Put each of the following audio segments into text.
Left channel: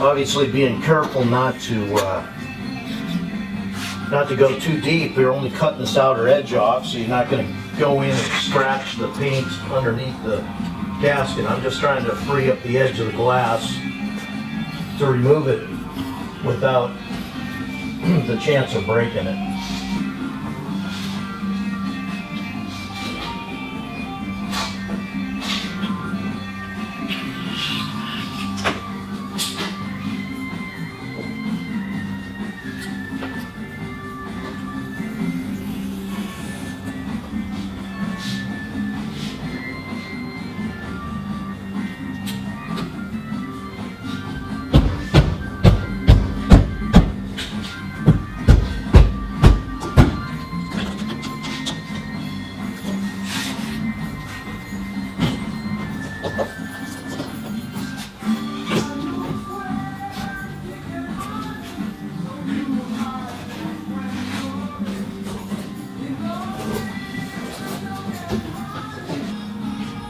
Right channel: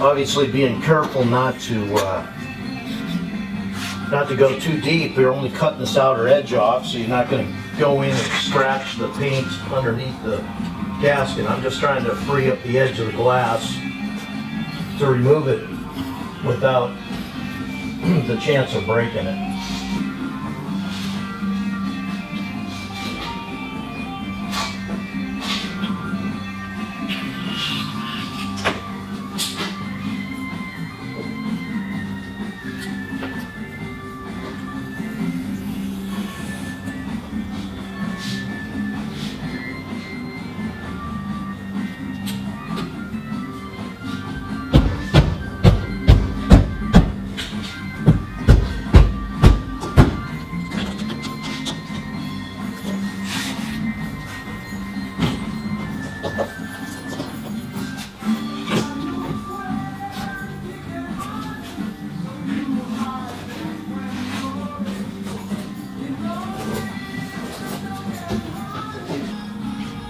Obviously being careful not to go too deep. You're only cutting this outer edge off, so you're not going to go in and scratch the paint underneath the gasket. I'm just trying to free up the edge of the glass to remove it without the chance of breaking it.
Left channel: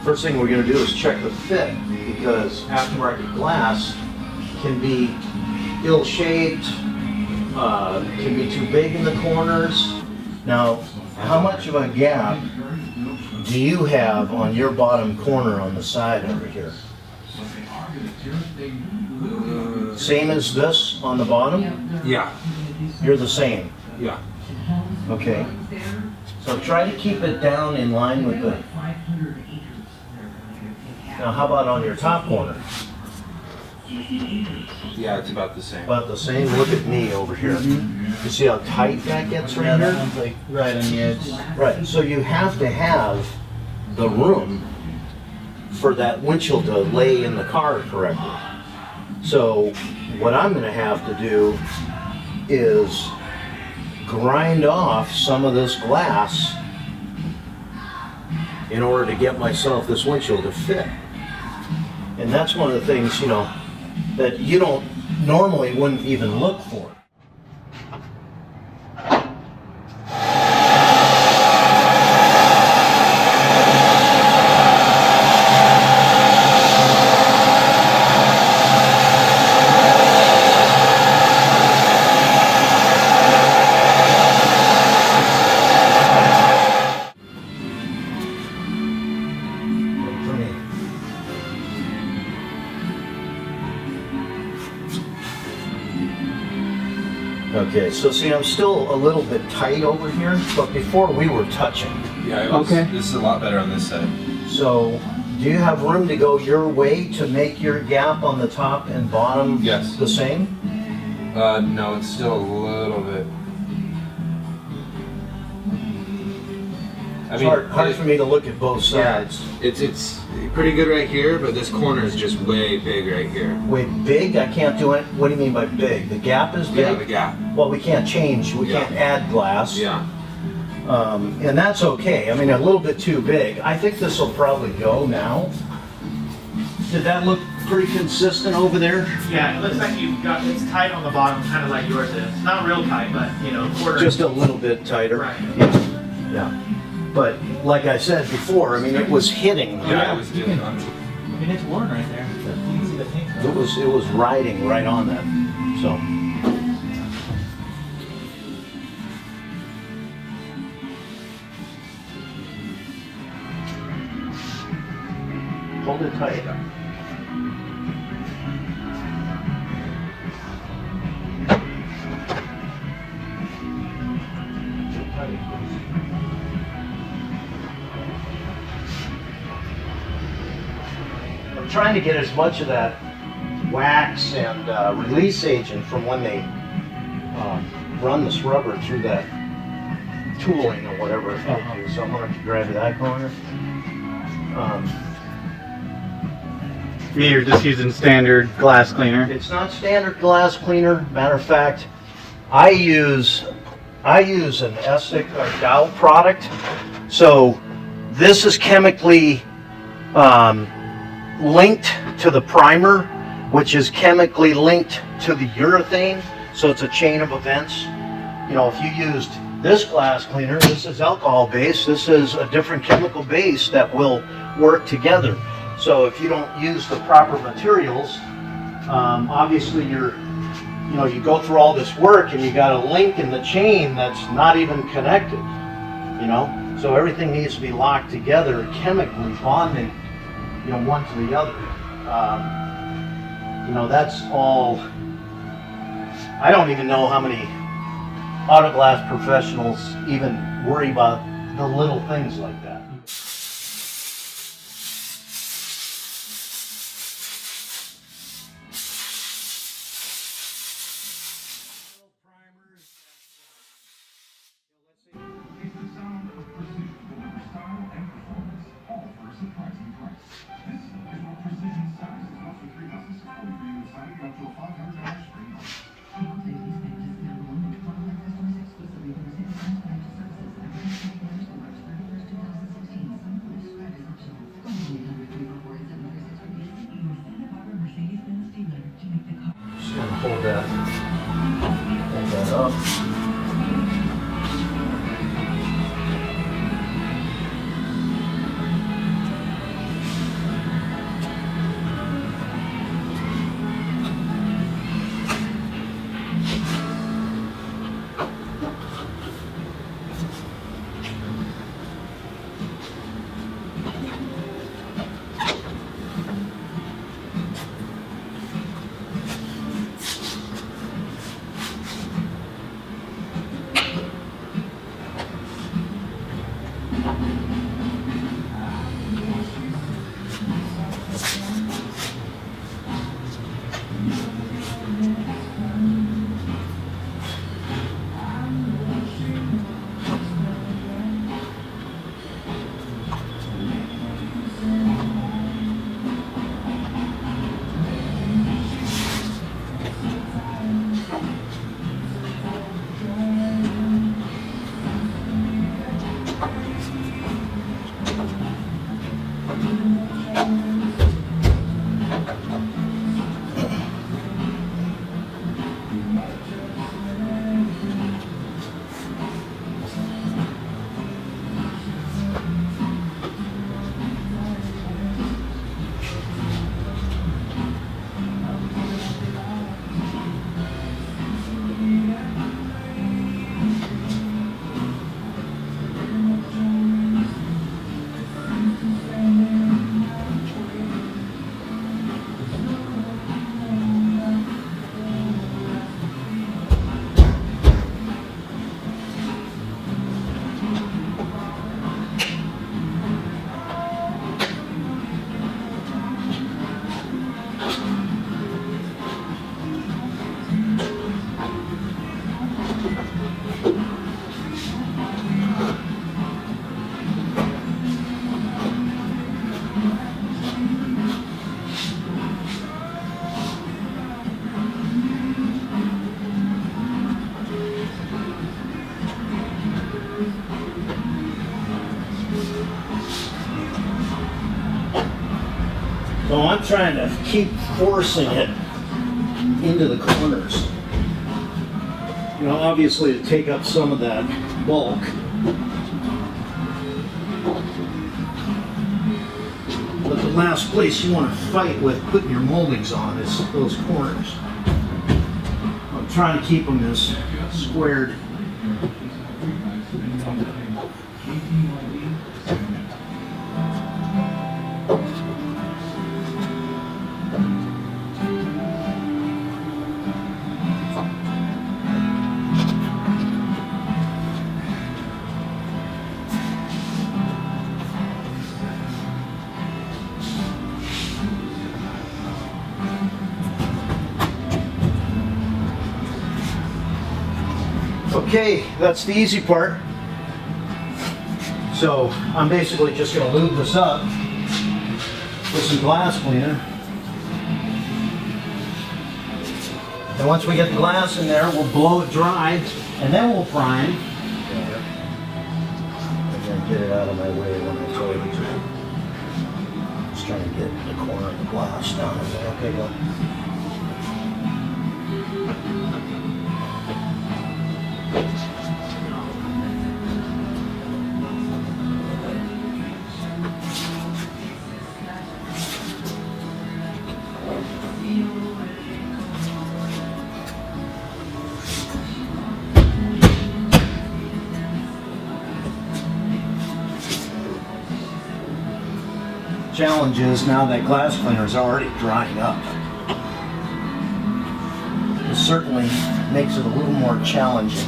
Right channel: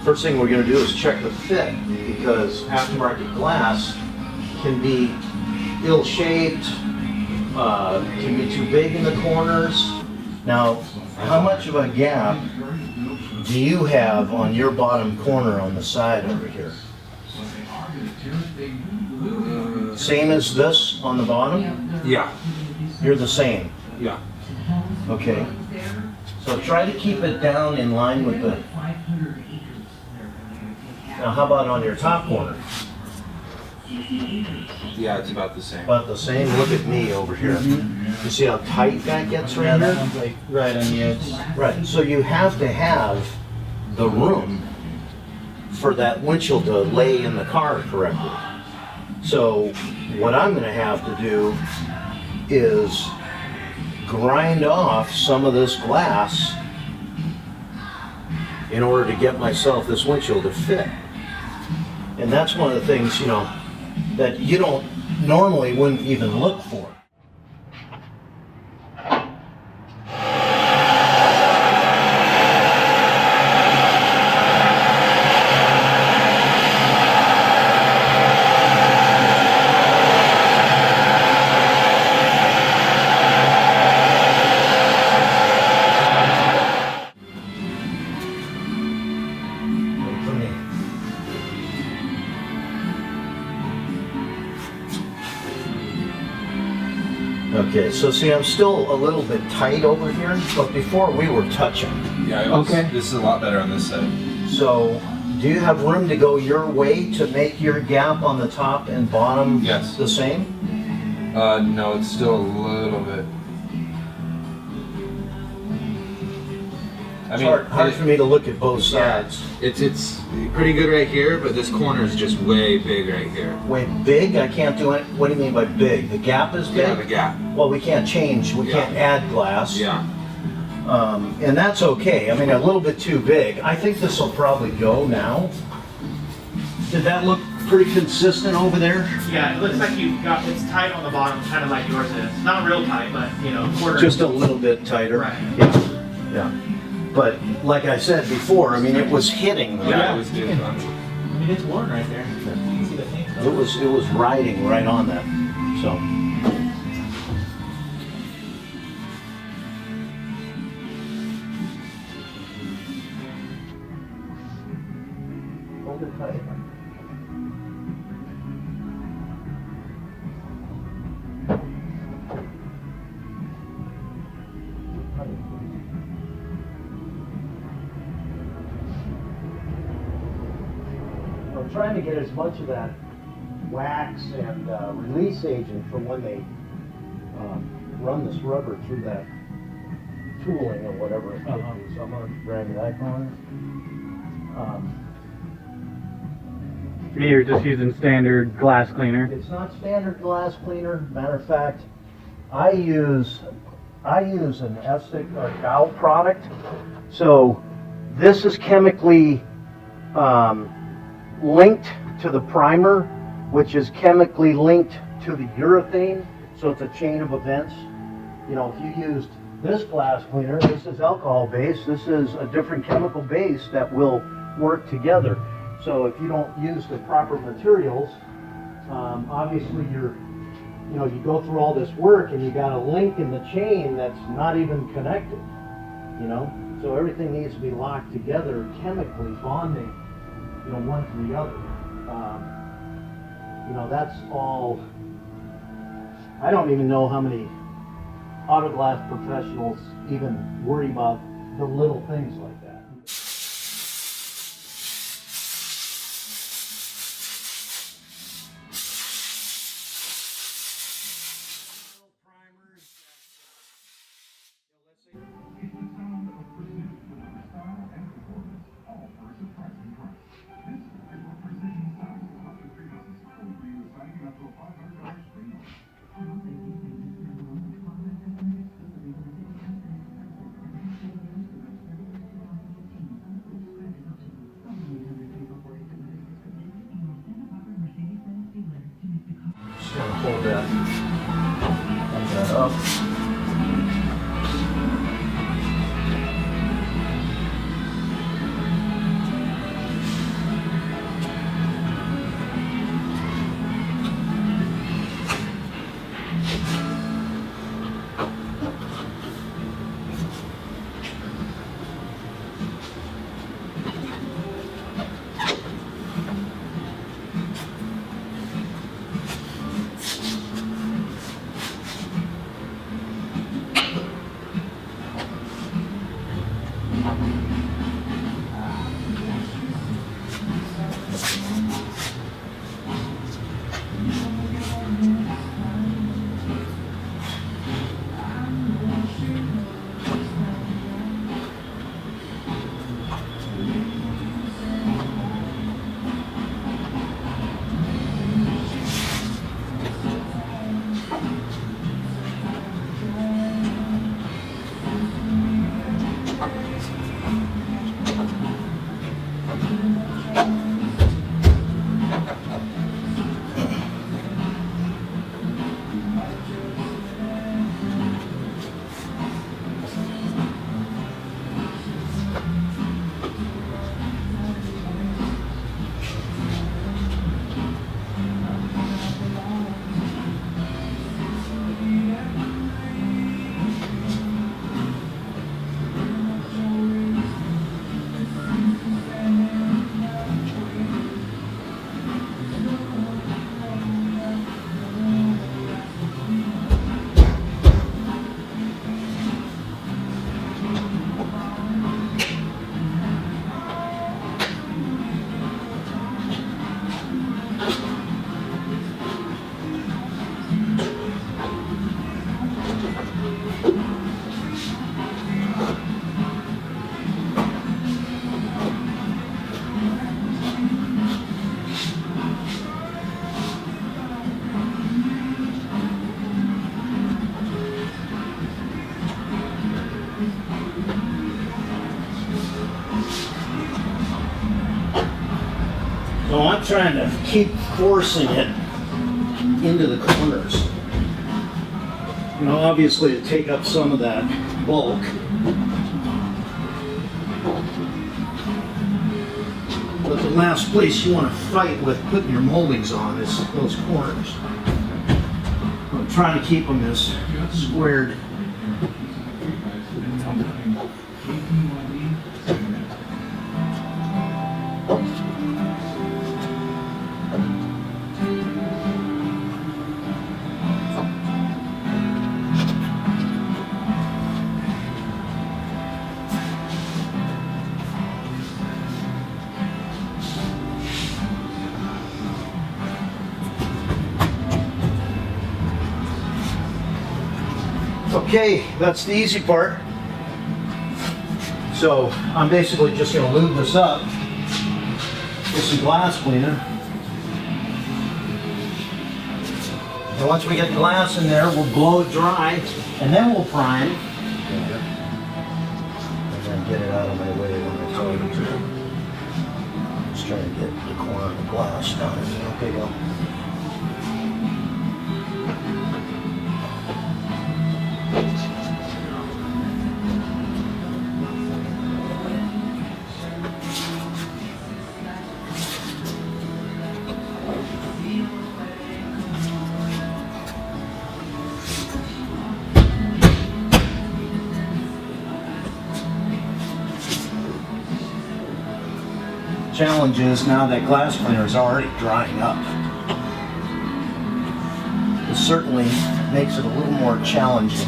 First thing we're going to do is check the fit, because aftermarket glass can be ill-shaped, can be too big in the corners. Now, how much of a gap do you have on your bottom corner on the side over here? Same as this on the bottom? Yeah. You're the same? Yeah. Okay. So try to keep it down in line with the... Now, how about on your top corner? Yeah, it's about the same. About the same. Look at me over here. You see how tight that gets right Yeah, here? that one's like right on the edge. Right. So you have to have the room for that windshield to lay in the car correctly. So what I'm going to have to do is grind off some of this glass in order to get myself this windshield to fit. And that's one of the things, you know, that you don't normally wouldn't even look for. Okay, so see, I'm still a little bit tight over here, but before we were touching. Yeah, it was, Okay. This is a lot better on this side. So, do you have room to go your way to make your gap on the top and bottom Yes. the same? No, it's still a little bit. I It's hard for me to look at both sides. It's pretty good right here, but this corner is just way big right here. Wait, big? I can't do it. What do you mean by big? The gap is big? Yeah, the gap. Well, we can't change. We Yeah. can't add glass. Yeah. And that's okay. I mean, a little bit too big. I think this will probably go now. Did that look pretty consistent over there? Yeah, it looks like you've got, it's tight on the bottom, kind of like yours is. Not real tight, but, you know, quarter. Just a little bit tighter. Right. Yeah. Yeah. But like I said before, I mean, it was hitting the Yeah, it was you doing can, I mean, it's worn right there. You can see the paint. It was riding right on that. So. Hold it tight. I'm trying to get as much of that wax and release agent from when they run this rubber through that tooling or whatever. So I'm going to grab that corner. You're just using standard glass cleaner. It's not standard glass cleaner. Matter of fact, I use an Essig or Dow product. So this is chemically linked to the primer, which is chemically linked to the urethane. So it's a chain of events. You know, if you used this glass cleaner, this is alcohol based. This is a different chemical base that will work together. So if you don't use the proper materials, Obviously you go through all this work and you got a link in the chain that's not even connected, so everything needs to be locked together, chemically bonding, one to the other. That's all. I don't even know how many auto glass professionals even worry about the little things like that. Just gonna hold that up. So I'm trying to keep forcing it into the corners. Obviously to take up some of that bulk. But the last place you want to fight with putting your moldings on is those corners. I'm trying to keep them as squared. Okay, that's the easy part. So I'm basically just going to lube this up with some glass cleaner. And once we get the glass in there, we'll blow it dry, and then we'll prime. I'm going to get it out of my way when I tell you to. Just trying to get the corner of the glass down in there. Okay, go. challenge is now that glass cleaner is already drying up. It certainly makes it a little more challenging.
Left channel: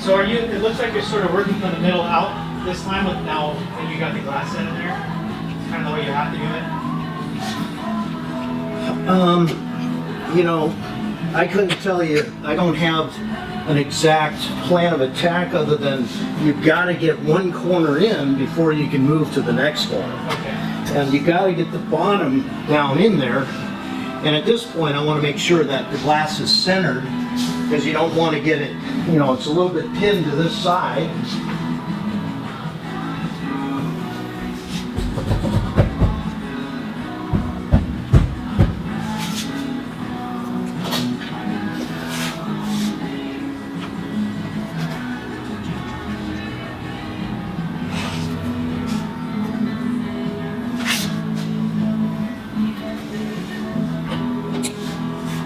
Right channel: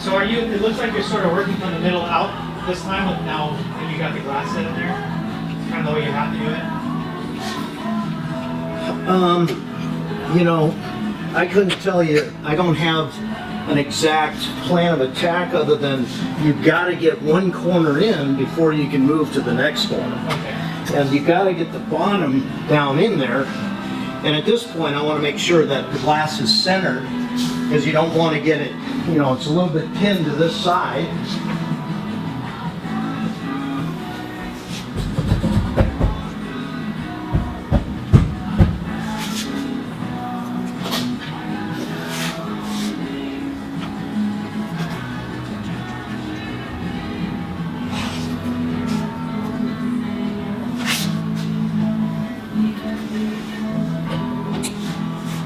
So are you? It looks like you're sort of working from the middle out this time. With now that you got the glass in there, it's kind of the way you have to do it. You know, I couldn't tell you, I don't have an exact plan of attack other than you've got to get one corner in before you can move to the next corner. Okay. And you got to get the bottom down in there. And at this point, I want to make sure that the glass is centered, because you don't want to get it, you know, it's a little bit pinned to this side.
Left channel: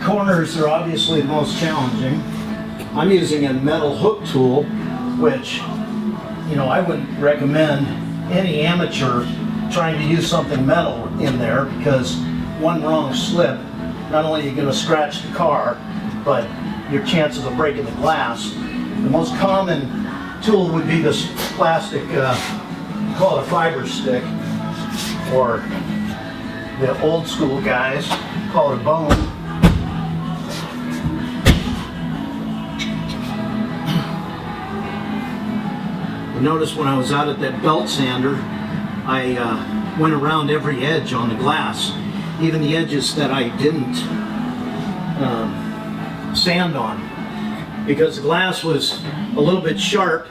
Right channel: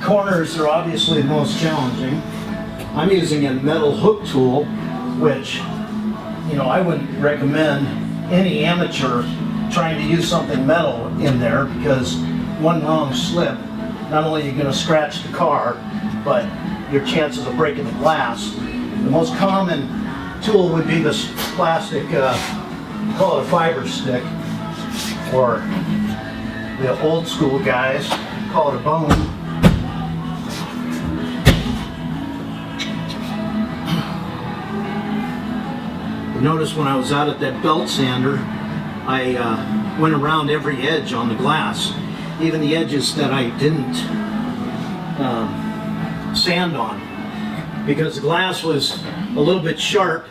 Corners are obviously the most challenging. I'm using a metal hook tool, which, you know, I wouldn't recommend any amateur trying to use something metal in there, because one wrong slip, not only are you going to scratch the car, but your chances of breaking the glass. The most common tool would be this plastic, call it a fiber stick, or the old school guys call it a bone. Notice when I was out at that belt sander, I went around every edge on the glass, even the edges that I didn't sand on, because the glass was a little bit sharp,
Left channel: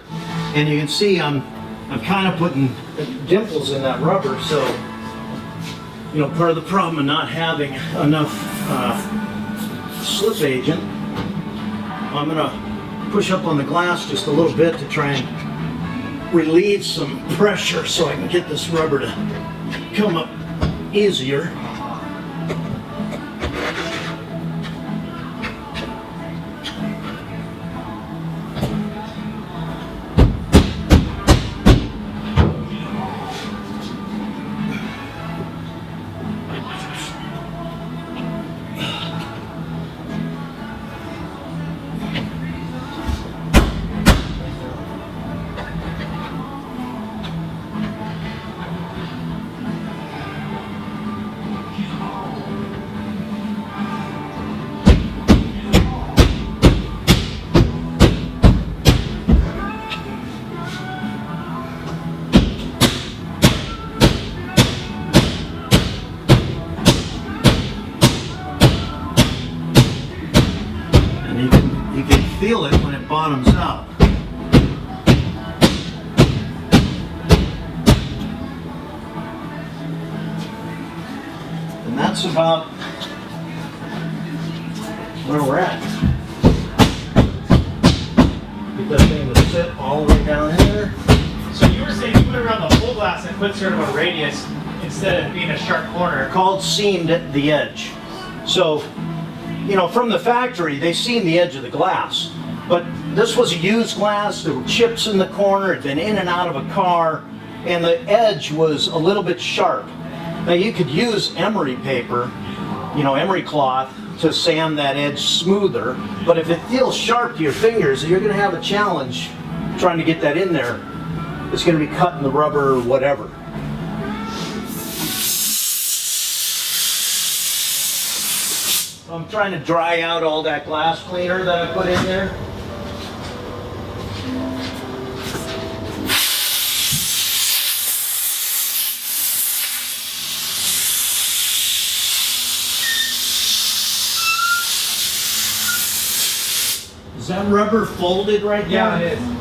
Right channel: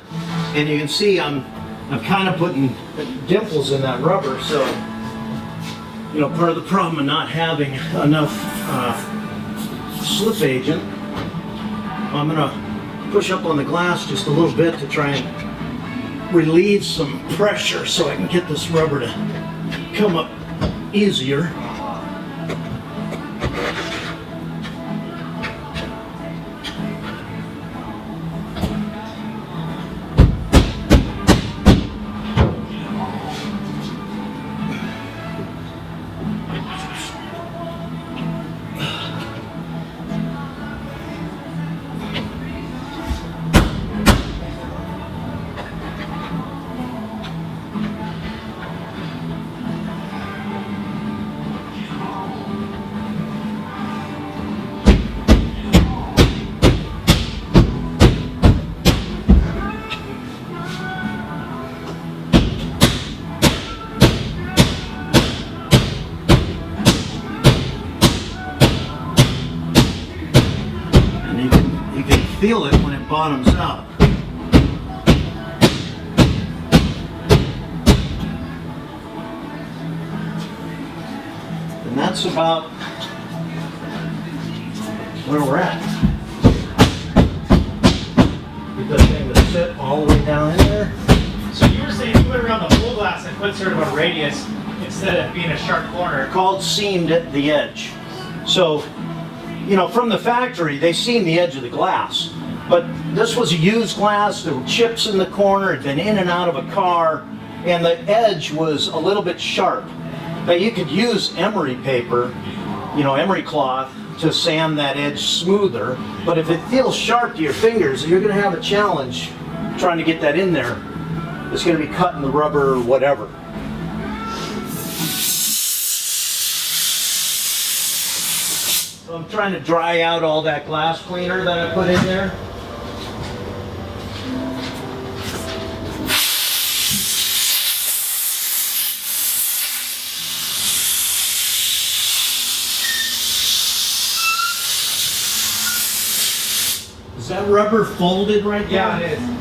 and you can see I'm kind of putting dimples in that rubber. So, you know, part of the problem of not having enough slip agent, I'm gonna push up on the glass just a little bit to try and relieve some pressure so I can get this rubber to come up easier. Feel it when it bottoms out. And that's about where we're at. Get that thing to sit all the way down in there. So you were saying you put it around the whole glass and put sort of a radius instead of being a sharp corner. Called seamed at the edge. So, you know, from the factory, they seam the edge of the glass. But this was a used glass, there were chips in the corner, it had been in and out of a car, and the edge was a little bit sharp. Now you could use emery paper, you know, emery cloth, to sand that edge smoother, but if it feels sharp to your fingers, you're going to have a challenge trying to get that in there. It's going to be cutting the rubber or whatever. So I'm trying to dry out all that glass cleaner that I put in there. Is that rubber folded right there? Yeah, it is.